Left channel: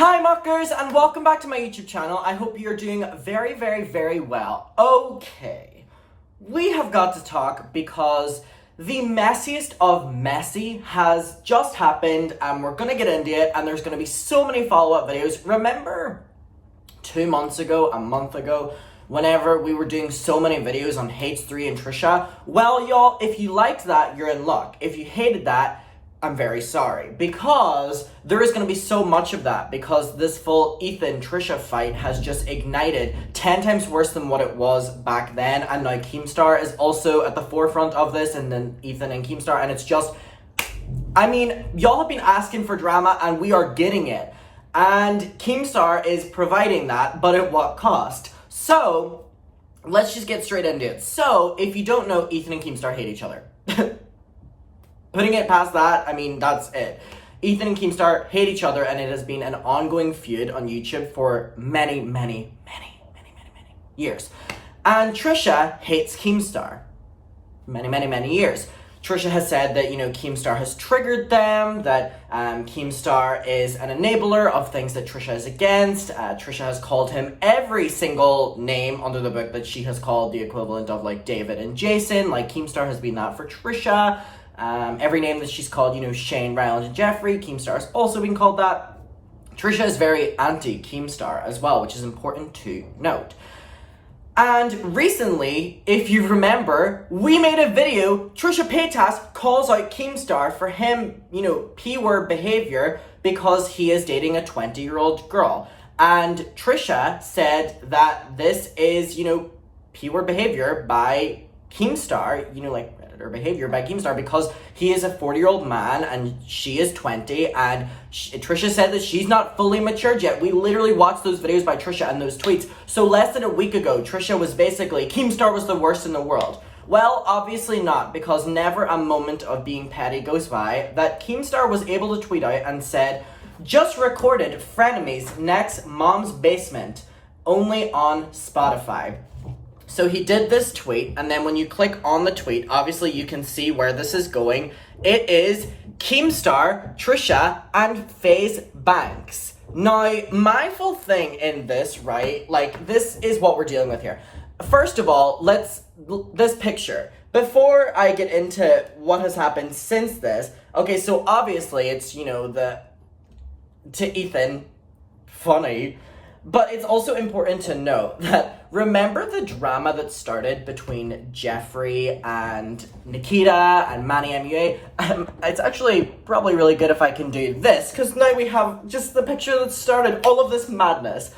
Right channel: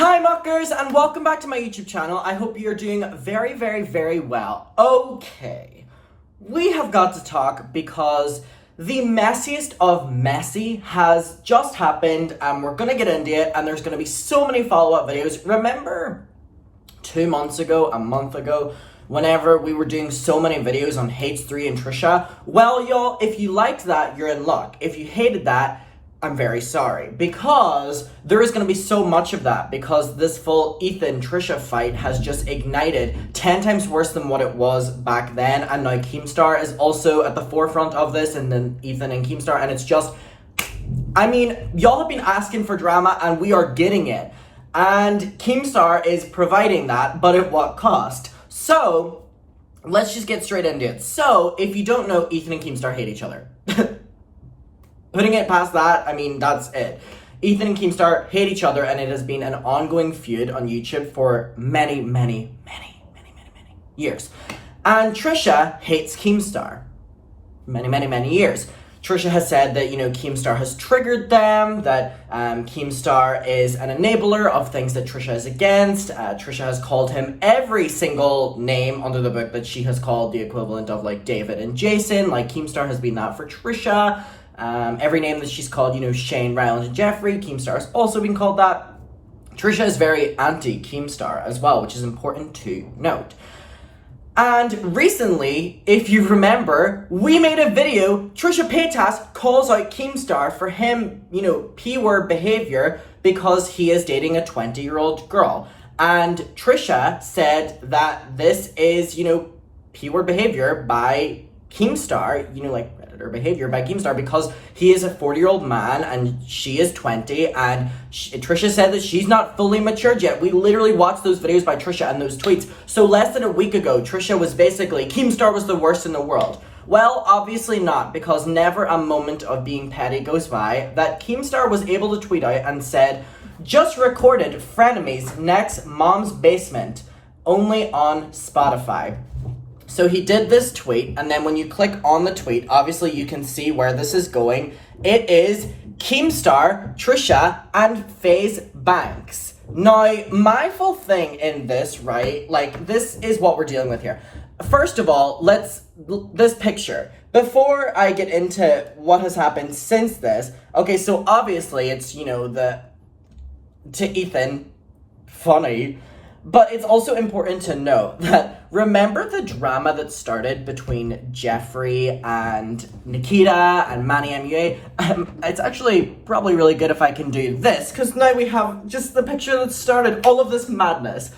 Hi muckers, and welcome back to my YouTube channel. I hope you're doing very, very, very well. Okay, we have got to talk because the messiest of messy has just happened, and we're gonna get into it, and there's gonna be so many follow-up videos. Remember 2 months ago, a month ago, whenever we were doing so many videos on H3 and Trisha? Well, y'all, if you liked that, you're in luck. If you hated that, I'm very sorry, because there is going to be so much of that, because this full Ethan-Trisha fight has just ignited 10 times worse than what it was back then, and now Keemstar is also at the forefront of this, and then Ethan and Keemstar, and it's just, I mean, y'all have been asking for drama, and we are getting it, and Keemstar is providing that, but at what cost? So, let's just get straight into it. So, if you don't know, Ethan and Keemstar hate each other. Putting it past that, I mean, that's it. Ethan and Keemstar hate each other, and it has been an ongoing feud on YouTube for many, many, many, many, many, many years. And Trisha hates Keemstar. Many, many, many years. Trisha has said that, Keemstar has triggered them, that Keemstar is an enabler of things that Trisha is against. Trisha has called him every single name under the book that she has called the equivalent of, like, David and Jason. Like, Keemstar has been that for Trisha. Every name that she's called, Shane, Ryland, and Jeffrey, Keemstar has also been called that. Trisha is very anti-Keemstar as well, which is important to note. And recently, if you remember, we made a video, Trisha Paytas calls out Keemstar for him, P-word behavior because he is dating a 20-year-old girl. And Trisha said that this is, P-word behavior by Keemstar, like predator behavior by Keemstar, because he is a 40-year-old man and she is 20, and Trisha said that she's not fully matured yet. We literally watched those videos by Trisha and those tweets. So less than a week ago, Trisha was basically, Keemstar was the worst in the world. Well, obviously not, because never a moment of being petty goes by that Keemstar was able to tweet out and said, just recorded Frenemies next Mom's Basement, only on Spotify. So he did this tweet, and then when you click on the tweet, obviously you can see where this is going. It is Keemstar, Trisha, and FaZe Banks. Now, my full thing in this, right, like, this is what we're dealing with here. First of all, this picture. Before I get into what has happened since this, okay, so obviously it's, to Ethan, funny. But it's also important to note that, remember the drama that started between Jeffrey and Nikita and Manny MUA? It's actually probably really good if I can do this, because now we have just the picture that started all of this madness.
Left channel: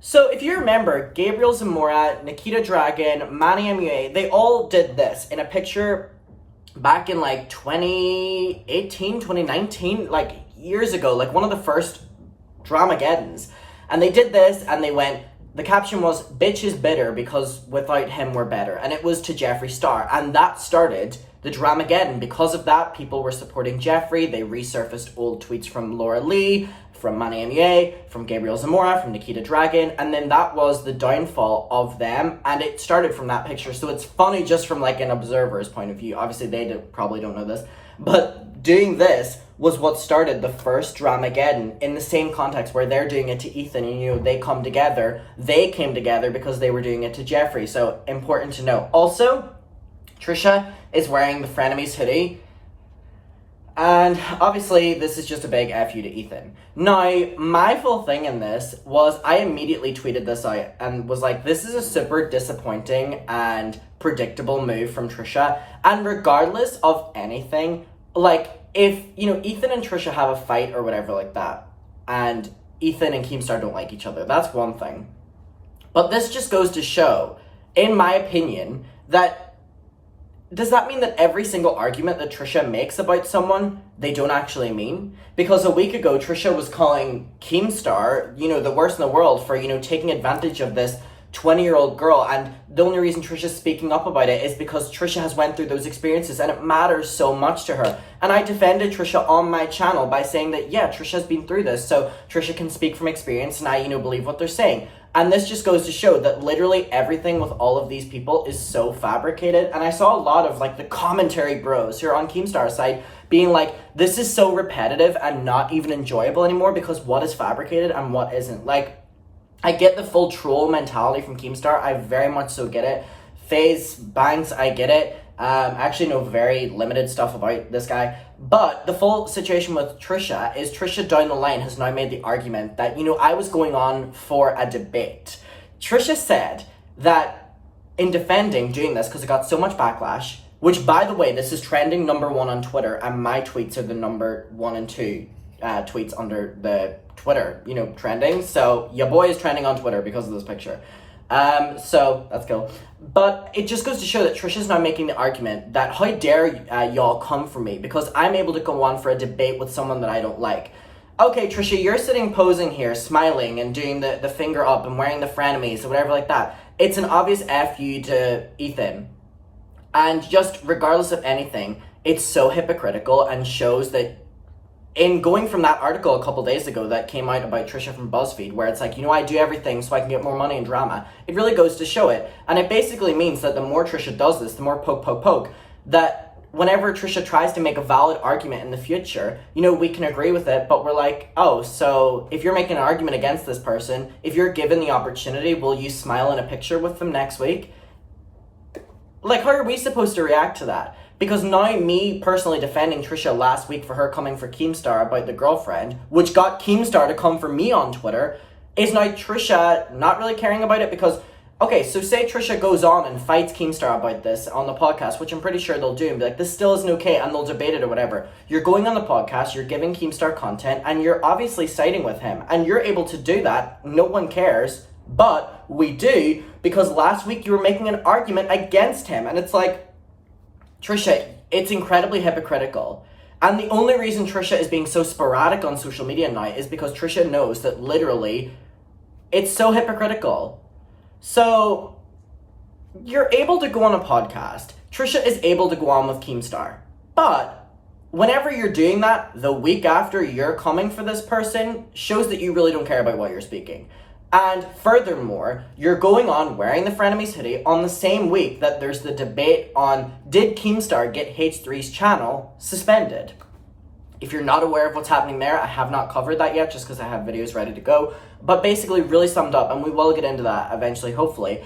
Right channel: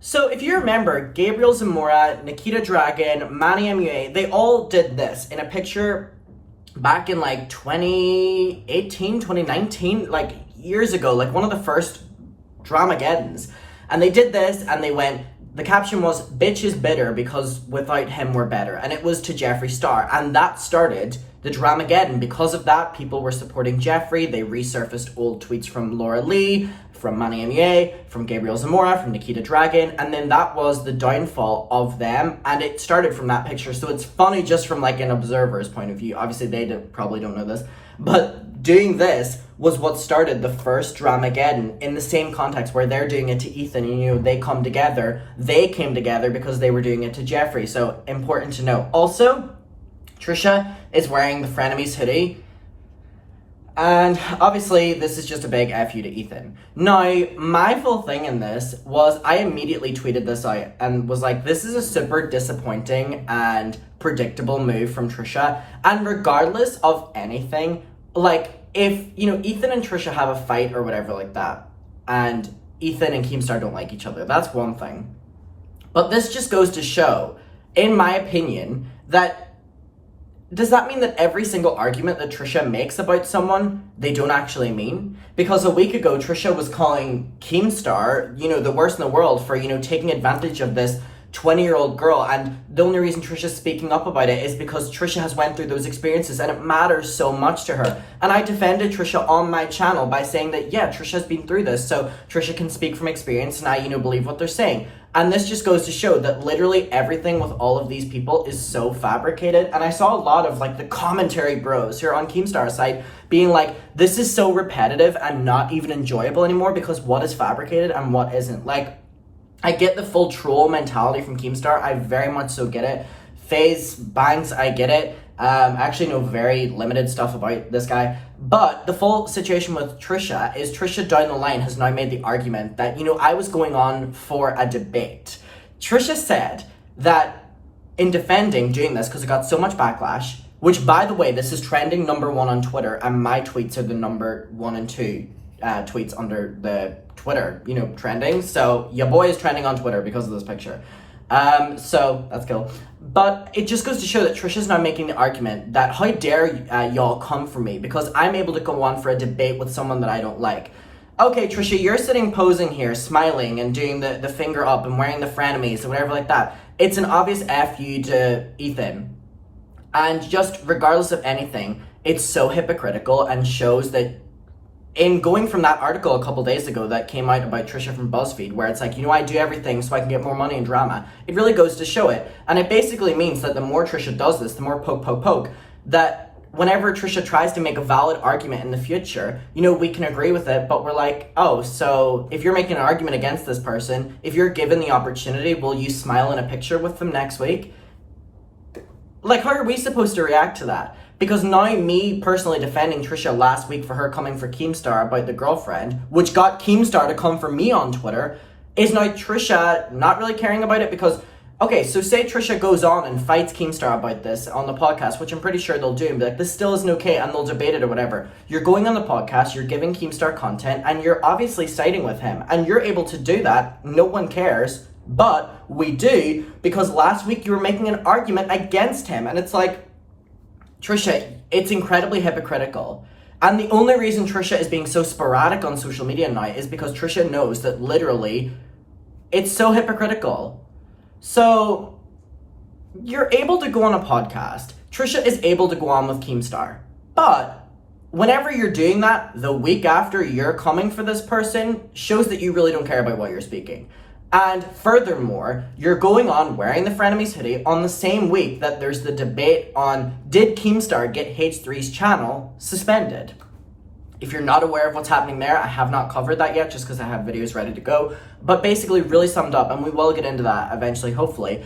So if you remember, Gabriel Zamora, Nikita Dragon, Manny MUA, they all did this in a picture back in like 2018, 2019, like years ago, like one of the first Dramageddons. And they did this, and they went, the caption was, bitch is bitter because without him we're better. And it was to Jeffree Star. And that started the Dramageddon. Because of that, people were supporting Jeffrey. They resurfaced old tweets from Laura Lee, from Manny MUA, from Gabriel Zamora, from Nikita Dragon. And then that was the downfall of them. And it started from that picture. So it's funny just from like an observer's point of view. Obviously, they probably don't know this. But doing this was what started the first Dramageddon in the same context where they're doing it to Ethan and, they come together. They came together because they were doing it to Jeffrey. So, important to know. Also, Trisha is wearing the Frenemies hoodie. And obviously, this is just a big F you to Ethan. Now, my full thing in this was I immediately tweeted this out and was like, this is a super disappointing and predictable move from Trisha. And regardless of anything, like, if, Ethan and Trisha have a fight or whatever like that, and Ethan and Keemstar don't like each other, that's one thing. But this just goes to show, in my opinion, that does that mean that every single argument that Trisha makes about someone, they don't actually mean? Because a week ago, Trisha was calling Keemstar, the worst in the world for, taking advantage of this 20-year-old girl, and the only reason Trisha's speaking up about it is because Trisha has went through those experiences and it matters so much to her. And I defended Trisha on my channel by saying that, yeah, Trisha's been through this, so Trisha can speak from experience, and I, believe what they're saying. And this just goes to show that literally everything with all of these people is so fabricated. And I saw a lot of the commentary bros here on Keemstar's side being like, this is so repetitive and not even enjoyable anymore because what is fabricated and what isn't. I get the full troll mentality from Keemstar. I very much so get it. FaZe Banks, I get it. I actually know very limited stuff about this guy. But the full situation with Trisha is Trisha down the line has now made the argument that, I was going on for a debate. Trisha said that in defending doing this, because it got so much backlash, which, by the way, this is trending #1 on Twitter, and my tweets are the #1 and 2 tweets under the Twitter, trending. So your boy is trending on Twitter because of this picture. So that's cool. But it just goes to show that Trisha's now making the argument that how dare y'all come for me because I'm able to go on for a debate with someone that I don't like. Okay, Trisha, you're sitting posing here, smiling and doing the finger up and wearing the frenemies or whatever like that. It's an obvious F you to Ethan. And just regardless of anything, it's so hypocritical and shows that in going from that article a couple days ago that came out about Trisha from BuzzFeed, where it's like, I do everything so I can get more money and drama, it really goes to show it. And it basically means that the more Trisha does this, the more poke, that whenever Trisha tries to make a valid argument in the future, we can agree with it, but we're like, oh, so if you're making an argument against this person, if you're given the opportunity, will you smile in a picture with them next week? How are we supposed to react to that? Because now me personally defending Trisha last week for her coming for Keemstar about the girlfriend, which got Keemstar to come for me on Twitter, is now Trisha not really caring about it because, okay, so say Trisha goes on and fights Keemstar about this on the podcast, which I'm pretty sure they'll do, and be like, this still isn't okay, and they'll debate it or whatever. You're going on the podcast, you're giving Keemstar content, and you're obviously siding with him, and you're able to do that, no one cares, but we do, because last week you were making an argument against him, and it's like, Trisha, it's incredibly hypocritical. And the only reason Trisha is being so sporadic on social media now is because Trisha knows that literally it's so hypocritical. So you're able to go on a podcast. Trisha is able to go on with Keemstar. But whenever you're doing that, the week after you're coming for this person shows that you really don't care about what you're speaking. And furthermore, you're going on wearing the Frenemies hoodie on the same week that there's the debate on did Keemstar get H3's channel suspended? If you're not aware of what's happening there, I have not covered that yet just because I have videos ready to go. But basically really summed up, and we will get into that eventually, hopefully.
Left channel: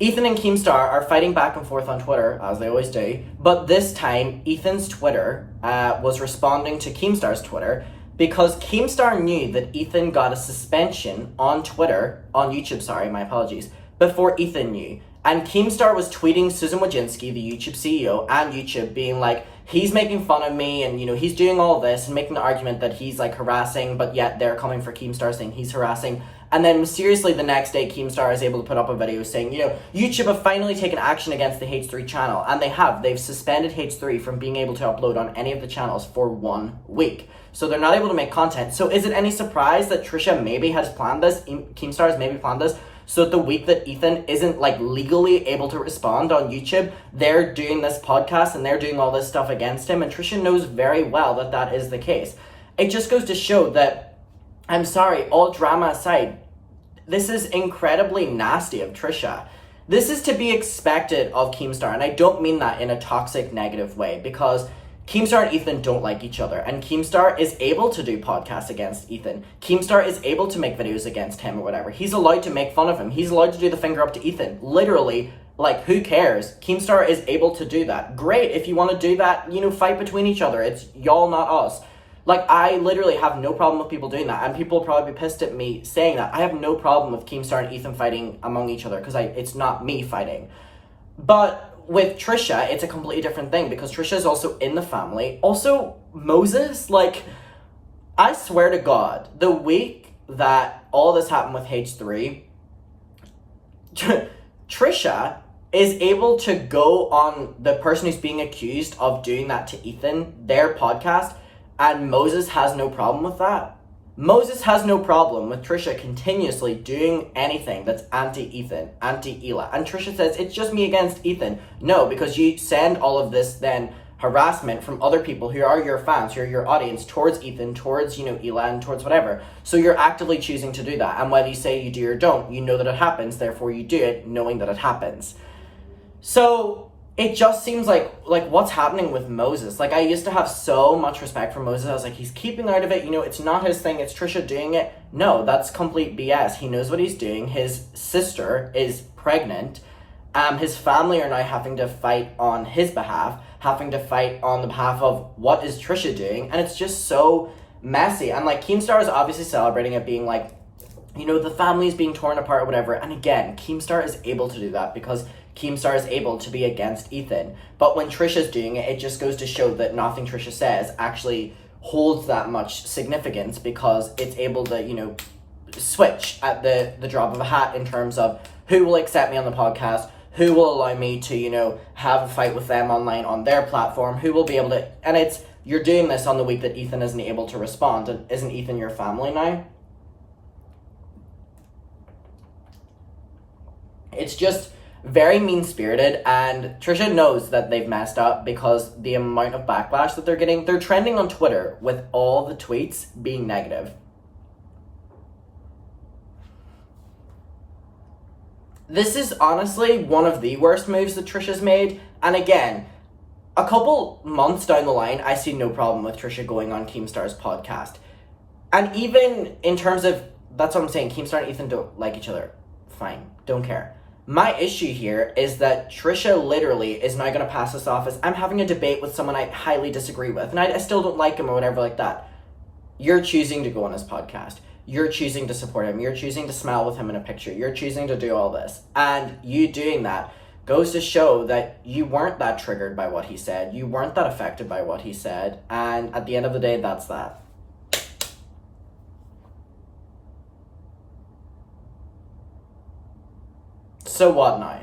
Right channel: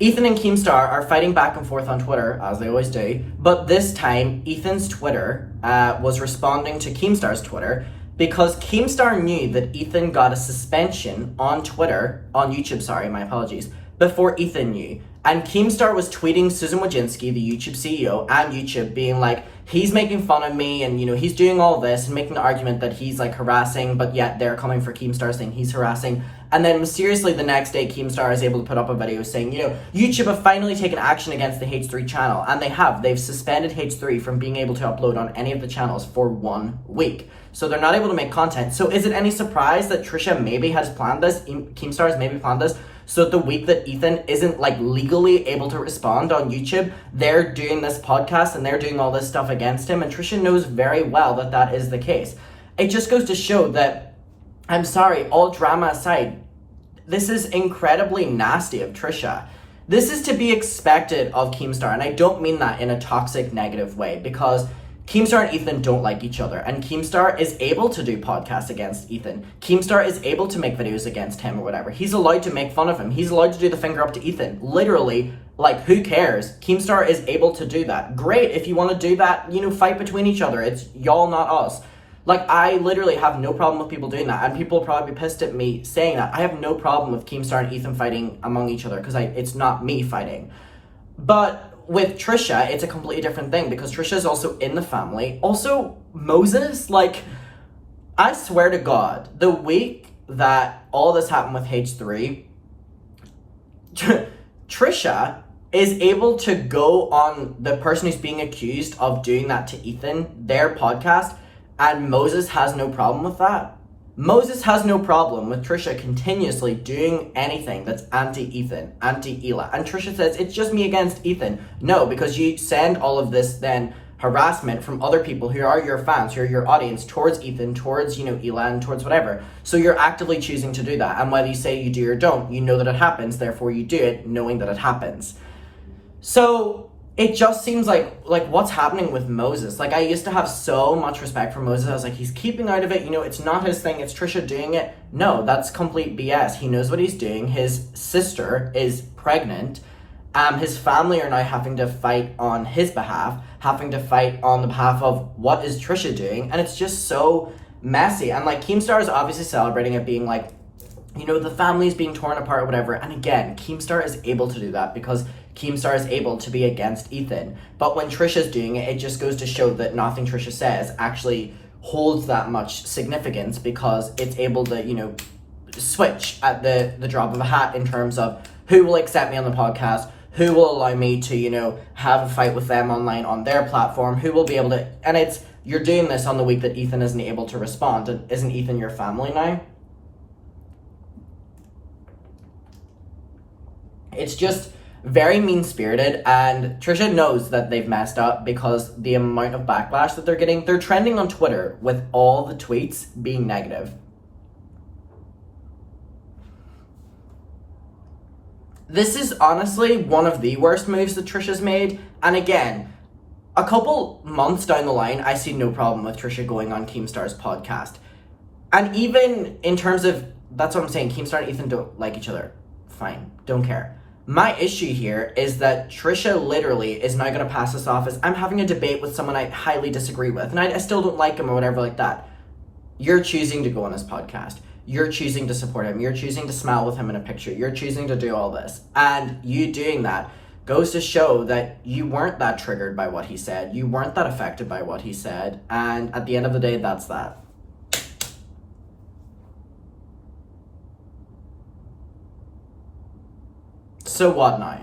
Ethan and Keemstar are fighting back and forth on Twitter, as they always do. But this time, Ethan's Twitter was responding to Keemstar's Twitter because Keemstar knew that Ethan got a suspension on YouTube, my apologies, before Ethan knew. And Keemstar was tweeting Susan Wojcicki, the YouTube CEO, and YouTube being like, he's making fun of me and, he's doing all this and making the argument that he's harassing, but yet they're coming for Keemstar saying he's harassing. And then mysteriously the next day, Keemstar is able to put up a video saying, YouTube have finally taken action against the H3 channel. And they have. They've suspended H3 from being able to upload on any of the channels for 1 week. So they're not able to make content. So is it any surprise that Trisha maybe has planned this, Keemstar has maybe planned this, so the week that Ethan isn't legally able to respond on YouTube, they're doing this podcast and they're doing all this stuff against him, and Trisha knows very well that that is the case. It just goes to show that, I'm sorry, all drama aside, this is incredibly nasty of Trisha. This is to be expected of Keemstar, and I don't mean that in a toxic, negative way, because Keemstar and Ethan don't like each other, and Keemstar is able to do podcasts against Ethan. Keemstar is able to make videos against him or whatever. He's allowed to make fun of him. He's allowed to do the finger up to Ethan. Literally, who cares? Keemstar is able to do that. Great, if you want to do that, fight between each other. It's y'all, not us. I literally have no problem with people doing that, and people will probably be pissed at me saying that. I have no problem with Keemstar and Ethan fighting among each other, because it's not me fighting. But with Trisha, it's a completely different thing, because Trisha is also in the family. Also, Moses, I swear to God, the week that all this happened with H3, Trisha is able to go on the person who's being accused of doing that to Ethan, their podcast, and Moses has no problem with that. Moses has no problem with Trisha continuously doing anything that's anti-Ethan, anti-Ela. And Trisha says, it's just me against Ethan. No, because you send all of this then harassment from other people who are your fans, who are your audience, towards Ethan, towards, Ela, and towards whatever. So you're actively choosing to do that. And whether you say you do or don't, you know that it happens, therefore you do it knowing that it happens. So it just seems like what's happening with Moses. Like, I used to have so much respect for Moses. I was like, he's keeping out of it. It's not his thing. It's Trisha doing it. No, that's complete BS. He knows what he's doing. His sister is pregnant. His family are now having to fight on his behalf, having to fight on the behalf of what is Trisha doing. And it's just so messy. And like, Keemstar is obviously celebrating it, being like, the family's being torn apart or whatever. And again, Keemstar is able to do that because Keemstar is able to be against Ethan. But when Trisha's doing it, it just goes to show that nothing Trisha says actually holds that much significance, because it's able to, switch at the drop of a hat in terms of who will accept me on the podcast, who will allow me to, have a fight with them online on their platform, who will be able to, and you're doing this on the week that Ethan isn't able to respond. And isn't Ethan your family now? It's just very mean-spirited, and Trisha knows that they've messed up because the amount of backlash that they're getting. They're trending on Twitter with all the tweets being negative. This is honestly one of the worst moves that Trisha's made, and again, a couple months down the line, I see no problem with Trisha going on Keemstar's podcast. And even in terms of, that's what I'm saying, Keemstar and Ethan don't like each other. Fine, don't care. My issue here is that Trisha literally is now going to pass this off as, I'm having a debate with someone I highly disagree with, and I still don't like him or whatever like that. You're choosing to go on his podcast. You're choosing to support him. You're choosing to smile with him in a picture. You're choosing to do all this. And you doing that goes to show that you weren't that triggered by what he said. You weren't that affected by what he said. And at the end of the day, that's that. So what now?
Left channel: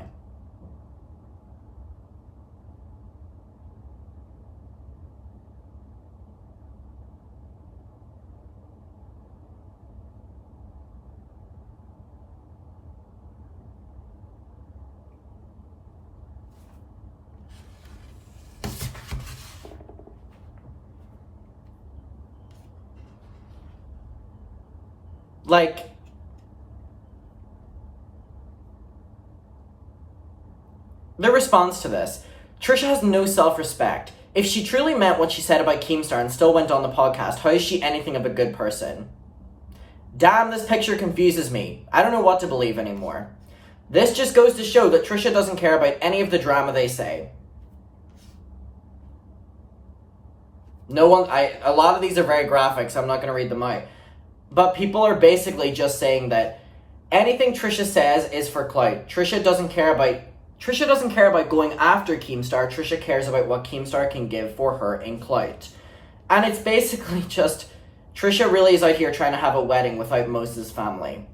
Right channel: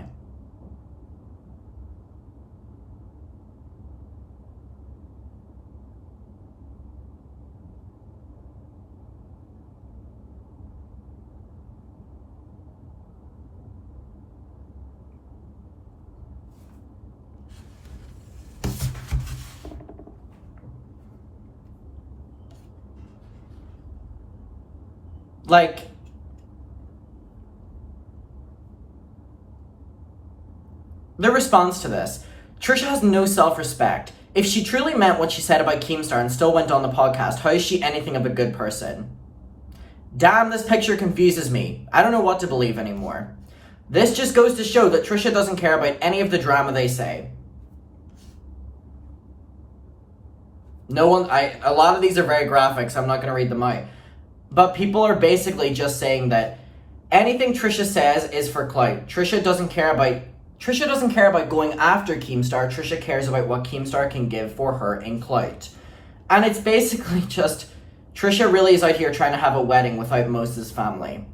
Like, the response to this, Trisha has no self-respect. If she truly meant what she said about Keemstar and still went on the podcast, how is she anything of a good person? Damn, this picture confuses me. I don't know what to believe anymore. This just goes to show that Trisha doesn't care about any of the drama they say. A lot of these are very graphic, so I'm not going to read them out. But people are basically just saying that anything Trisha says is for clout. Trisha doesn't care about going after Keemstar. Trisha cares about what Keemstar can give for her in clout. And it's basically just, Trisha really is out here trying to have a wedding without Moses' family.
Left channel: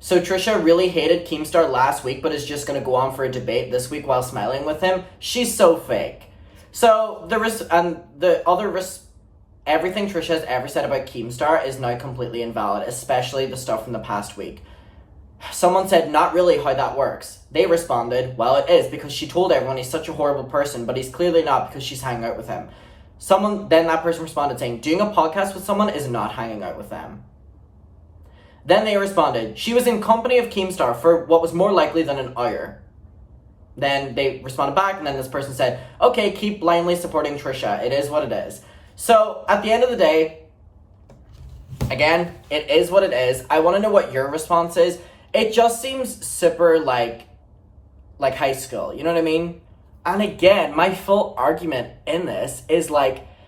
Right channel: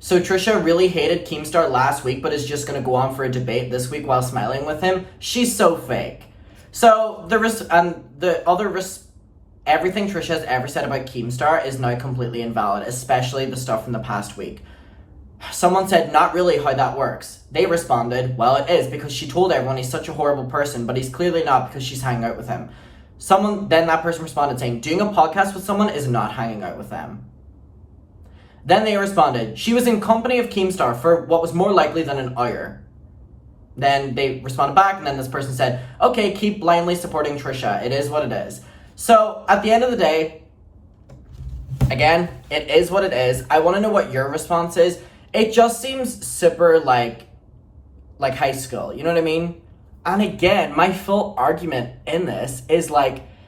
So Trisha really hated Keemstar last week, but is just going to go on for a debate this week while smiling with him. She's so fake. So everything Trisha has ever said about Keemstar is now completely invalid, especially the stuff from the past week. Someone said, not really how that works. They responded, well, it is, because she told everyone he's such a horrible person, but he's clearly not because she's hanging out with him. Then that person responded saying, doing a podcast with someone is not hanging out with them. Then they responded, she was in company of Keemstar for what was more likely than an hour. Then they responded back, and then this person said, okay, keep blindly supporting Trisha. It is what it is. So, at the end of the day, again, it is what it is. I want to know what your response is. It just seems super like high school, you know what I mean? And again, my full argument in this is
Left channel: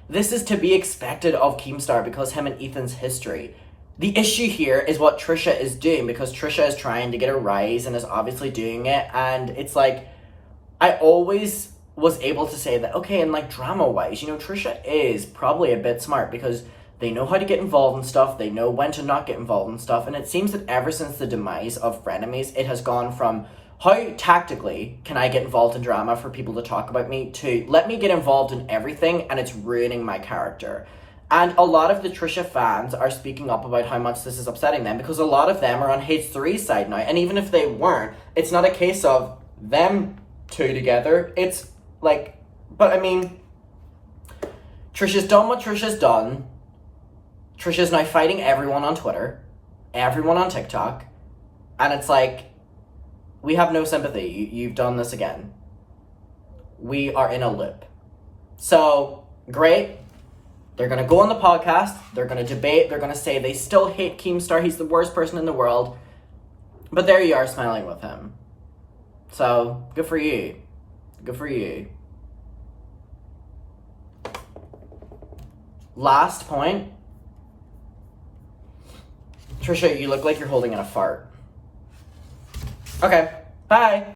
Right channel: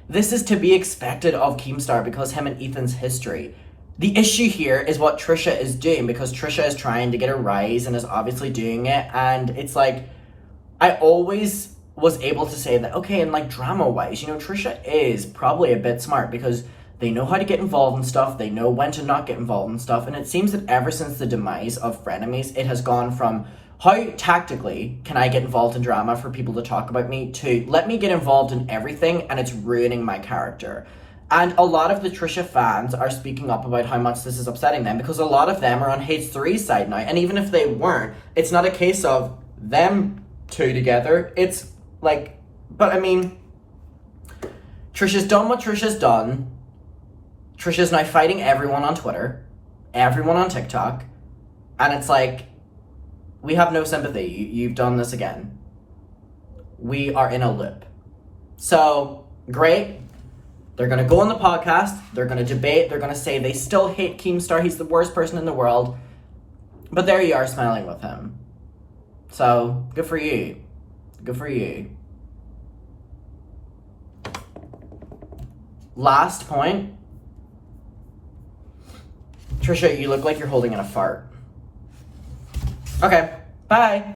this is to be expected of Keemstar because him and Ethan's history. The issue here is what Trisha is doing, because Trisha is trying to get a rise and is obviously doing it. And it's I always was able to say that, okay, and drama-wise, Trisha is probably a bit smart because they know how to get involved in stuff. They know when to not get involved in stuff. And it seems that ever since the demise of Frenemies, it has gone from how tactically can I get involved in drama for people to talk about me to let me get involved in everything and it's ruining my character. And a lot of the Trisha fans are speaking up about how much this is upsetting them, because a lot of them are on H3's side now. And even if they weren't, it's not a case of them two together. It's like, but I mean, Trisha's done what Trisha's done. Trisha's now fighting everyone on Twitter, everyone on TikTok. And it's like, we have no sympathy. You've done this again. We are in a loop. So, great. They're going to go on the podcast. They're going to debate. They're going to say they still hate Keemstar. He's the worst person in the world. But there you are, smiling with him. So, good for you. Good for you. Last point. Trisha, you look like you're holding in a fart. Okay, bye.